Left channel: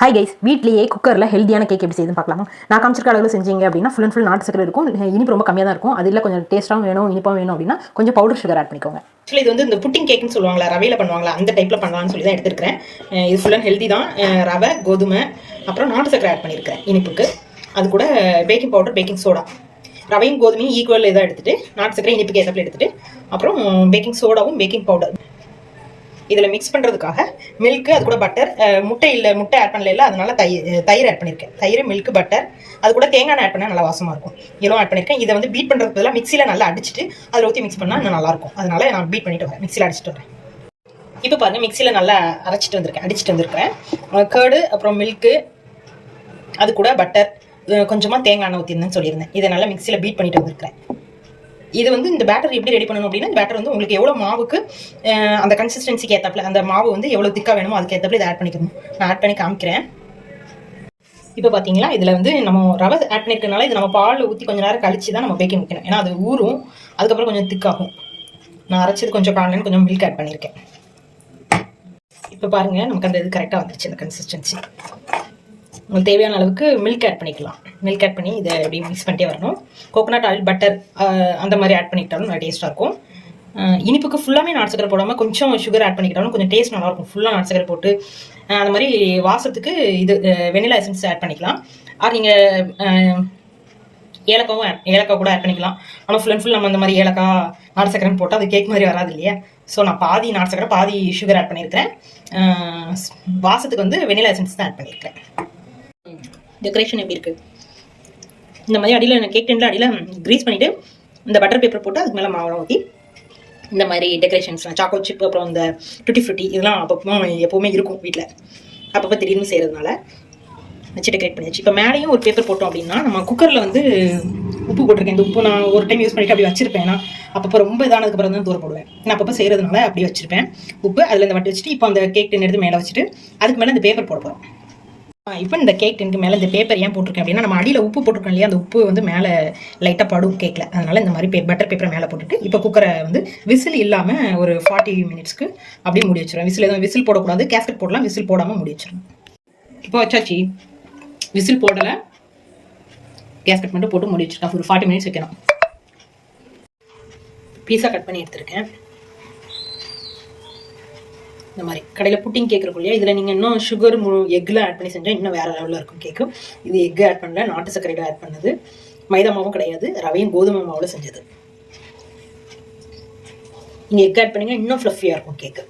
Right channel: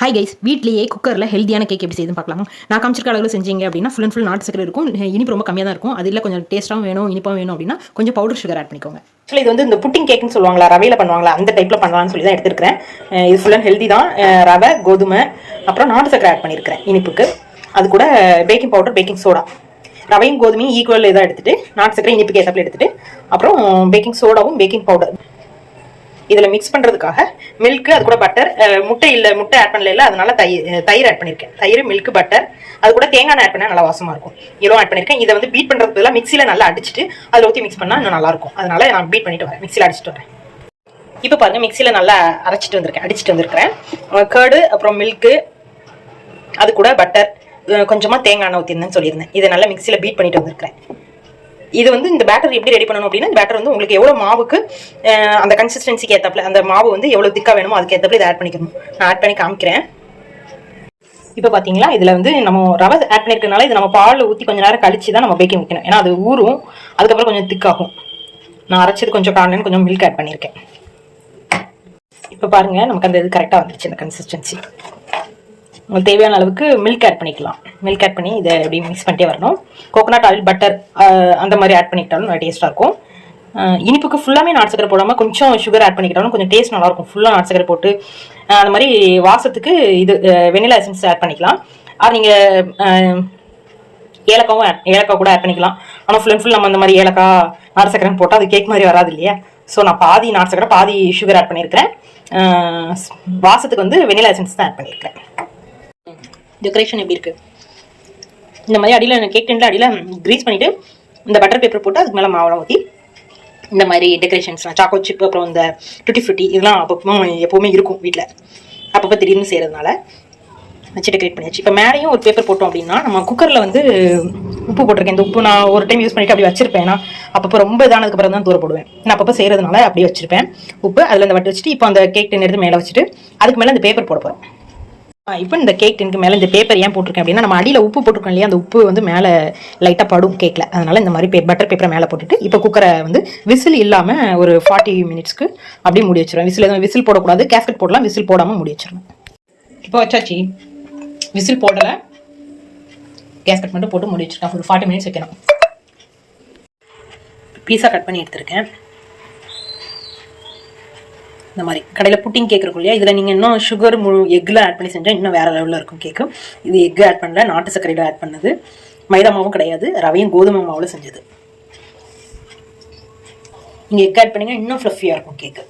Hi guys, வீட்லேயே குக்கரில் ஹெல்த்தியான கேக் எப்படி செய்யுதுன்னு பார்க்கலாமா? நான் காமிச்சிருக்க அளவில் செஞ்சீங்க அப்படின்னா ஃபுல் நாட்டு சக்கரை இருக்கும். இனிப்பு ரொம்ப கம்மியாக தான் இருக்கும். அது இல்லை கொஞ்சம் டேஸ்ட்டாகவும் வேணும், இனிப்பாகவும் வேணும் அப்படின்னா கொஞ்சம் பவுடர் சுகர் ஆட் பண்ணிக்கோங்க. ஆக்சுவலி இது வந்து இந்த புட்டிங் கேக்னு சொல்லுவாங்களா, ரவையில் பண்ணுவாங்களா, அந்த டைப்பில் பண்ணலாம்னு சொல்லி தான் எடுத்துருக்கிறேன். இது ஃபுல் அண்ட் ஹெல்தி தான். ரவை, கோதுமை, அப்புறம் நாட்டு சக்கரை ஆட் பண்ணியிருக்கிறேன் இனிப்புக்கு. அது கூட பேக்கிங் பவுடர், பேக்கிங் சோடா, ரவையும் கோதுமையும் ஈக்குவல் இதாக எடுத்துகிட்டு நாட்டு சக்கரை இனிப்புக்கு ஏற்றப்பில் எடுத்துகிட்டு அப்புறம் பேக்கிங் சோடாவும் பேக்கிங் பவுடர் இதில் மிக்ஸ் பண்ணுறதுக்காக மில்க்கு, அது கூட பட்டர், முட்டை ஆட் பண்ணல, அதனால தயிர் ஆட் பண்ணியிருக்கேன். தயிர், மில்க், பட்டர், அது கூட தேங்காய் ஆட் பண்ணால் நல்லா வாசமாக இருக்கும். இதெல்லாம் ஆட் பண்ணியிருக்கேன். இதை வந்து பீட் பண்ணுறதுக்கு பதிலாக மிக்சியில் நல்லா அடிச்சுட்டு அதில் ஊற்றி மிக்ஸ் பண்ணால் இன்னும் நல்லாயிருக்கும். அதனால நான் பீட் பண்ணிட்டு வரேன், மிக்சியில் அடிச்சுட்டு வரேன். இப்போ பாருங்கள், மிக்சியில் நல்லா அடிச்சுட்டு வந்திருக்கிறேன். கர்டு, அப்புறம் மில்க்கு, அது கூட பட்டர், கொஞ்சமாக தேங்காய் எண்ணெய் ஊற்றிருந்தேன்னு சொல்லியிருந்தேன். இதை நல்லா மிக்சியில் பீட் பண்ணிட்டு வந்திருக்கிறேன். இது வந்து இந்த பேட்டர் எப்படி ரெடி பண்ணணும் அப்படின்னா, இந்த பேட்டர் வந்து உங்களுக்கு எவ்வளோ மாவுக்கு அந்த கன்சிஸ்டன்சிக்கு ஏற்றப்பல, அந்த மாவு வந்து எவ்வளோ திக்காக வேணுமோ அதுக்கு ஏற்றப்பல இதை ஆட் பண்ணிக்கணும். நான் ஆட் பண்ணி காமிக்கிறேன். இப்போ பார்த்தீங்களா, இதில் வந்து நம்ம ரவை ஆட் பண்ணியிருக்கனால இது நம்ம பாலில் ஊற்றி கொஞ்சம் நேரம் கழிச்சு தான் நம்ம பேக்கிங் வைக்கணும். ஏன்னா அது ஊறும், அதுக்கப்புறம் கொஞ்சம் திக்காகும். நான் அரைச்சது கொஞ்சம் காணலன்னு கொஞ்சம் மில்க் ஆட் பண்ணியிருக்கேன். இப்போ பாருங்கள், நமக்கு அந்த இது கரெக்டாக வந்துருச்சு. இந்த கன்சிஸ்டன்சி உங்களுக்கு தேவையான அளவுக்கு மில்க் ஆட் பண்ணிக்கலாம். மில்க் ஆட் பண்ணி இதை எப்படி மிக்ஸ் பண்ணிட்டே வரணும். கோகோனட் ஆயில், பட்டர் அந்த மாதிரி ஆட் பண்ணிக்கிட்டாலும் நல்லா டேஸ்ட்டாக இருக்கும். இனிப்புக்கு ஃபுல்லாமே நாட்டு சக்கரை போடாமல் கொஞ்சம் சுகர் ஆட் பண்ணிக்கிட்டாலும் கொஞ்சம் டேஸ்ட் நல்லாயிருக்கும். ஃபுல்லாக நாட்டு சக்கரை போட்டு அந்த மாதிரி வாசத்துக்கு இது வெனிலா எசன்ஸ் ஆட் பண்ணிக்கலாம். நீங்கள் ஏலக்காய் கூட ஆட் பண்ணிக்கலாம். ஆனால் ஃபுல் நம்ம இந்த மாதிரி ஏலக்காய் நாட்டு சக்கரைன்னு போட்டால் அது கேக் மாதிரி வராது இல்லையா? ஸோ நான் பாதி நாட்டு சக்கரை பாதி சுகர் ஆட் பண்ணியிருக்கிறேன். வாசத்துக்கு வந்து வெனிலா எசன்ஸ் தான் ஆட் பண்ணியிருக்கிறேன். டெக்கரேஷன் எப்படி இருக்குது? இந்த மாதிரி அடியில் கேக் டென்ல அடியில் க்ரீஸ் பண்ணிவிட்டு இந்த பட்டர் பேப்பர் போட்டு அதுக்கு மேலே மாவெல்லாம் ஊற்றி இந்த மாதிரி டெக்கரேஷன்ஸ்லாம் சாக்கோ சிப், அப்புறம் இந்த டுட்டி ஃப்ரூட்டி, இதெல்லாம் அப்பப்போ எப்போவுமே இருக்கும் வீட்டில். அப்பப்போ திடீர்னு செய்கிறதுனால வச்சு டெக்கரேட் பண்ணியாச்சு. இப்போ மேலேயும் ஒரு பேப்பர் போட்டோம் அப்படின்னா, நம்ம குக்கரில் வந்து உப்பு போட்டிருக்கேன். இந்த உப்பு நான் ஒரு டைம் யூஸ் பண்ணிவிட்டு அப்படி வச்சிருப்பேன். நான் அப்பப்போ ரொம்ப இதானதுக்கப்புறம் தான் தூர போடுவேன். நான் அப்பப்போ செய்கிறதுனால அப்படியே வச்சிருப்பேன் உப்பு. அதில் இந்த வட்டி வச்சுட்டு இப்போ அந்த கேக் டென் எடுத்து மேலே வச்சுட்டு அதுக்கு மேலே இந்த பேப்பர் போட போகிறோம். இப்போ இந்த கேக் டென்க்கு மேலே இந்த பேப்பர் ஏன் போட்டிருக்கேன் அப்படின்னா, நம்ம அடியில் உப்பு போட்டிருக்கோம் இல்லையா, அந்த உப்பு வந்து மேலே லைட்டாக படும் கேக்கில். அதனால் இந்த மாதிரி பட்டர் பேப்பரை மேலே போட்டுட்டு இப்போ குக்கரை வந்து விசில் இல்லாமல் ஒரு 40 மினிட்ஸ்க்கு அப்படியே மூடி வச்சிருவேன். விசில் போடக்கூடாது, கேஸ்கெட் போடலாம், விசில் போடாமல் மூடி வச்சிருவேன். இப்போ வச்சாச்சு, விசில் போடலை, கேஸ்கெட் மட்டும் போட்டு மூடி வச்சிருக்கேன். ஒரு 40 மினிட்ஸ் வைக்கணும். பீஸா கட் பண்ணி எடுத்திருக்கேன். இந்த மாதிரி கடையில் புட்டிங் கேக் இருக்கும் இல்லையா, இதில் நீங்கள் இன்னும் சுகர் எக்கில் ஆட் பண்ணி செஞ்சால் இன்னும் வேறு லெவலில் இருக்கும் கேக்கு. இது எக் ஆட் பண்ணல, நாட்டு சர்க்கரையில் ஆட் பண்ணது, மைதா மாவும் கிடையாது, ரவையும் கோதுமை மாவில் செஞ்சது. நீங்கள் எக் ஆட் பண்ணிங்கன்னா இன்னும் ஃப்ளஃபியாக இருக்கும் கேக்கு.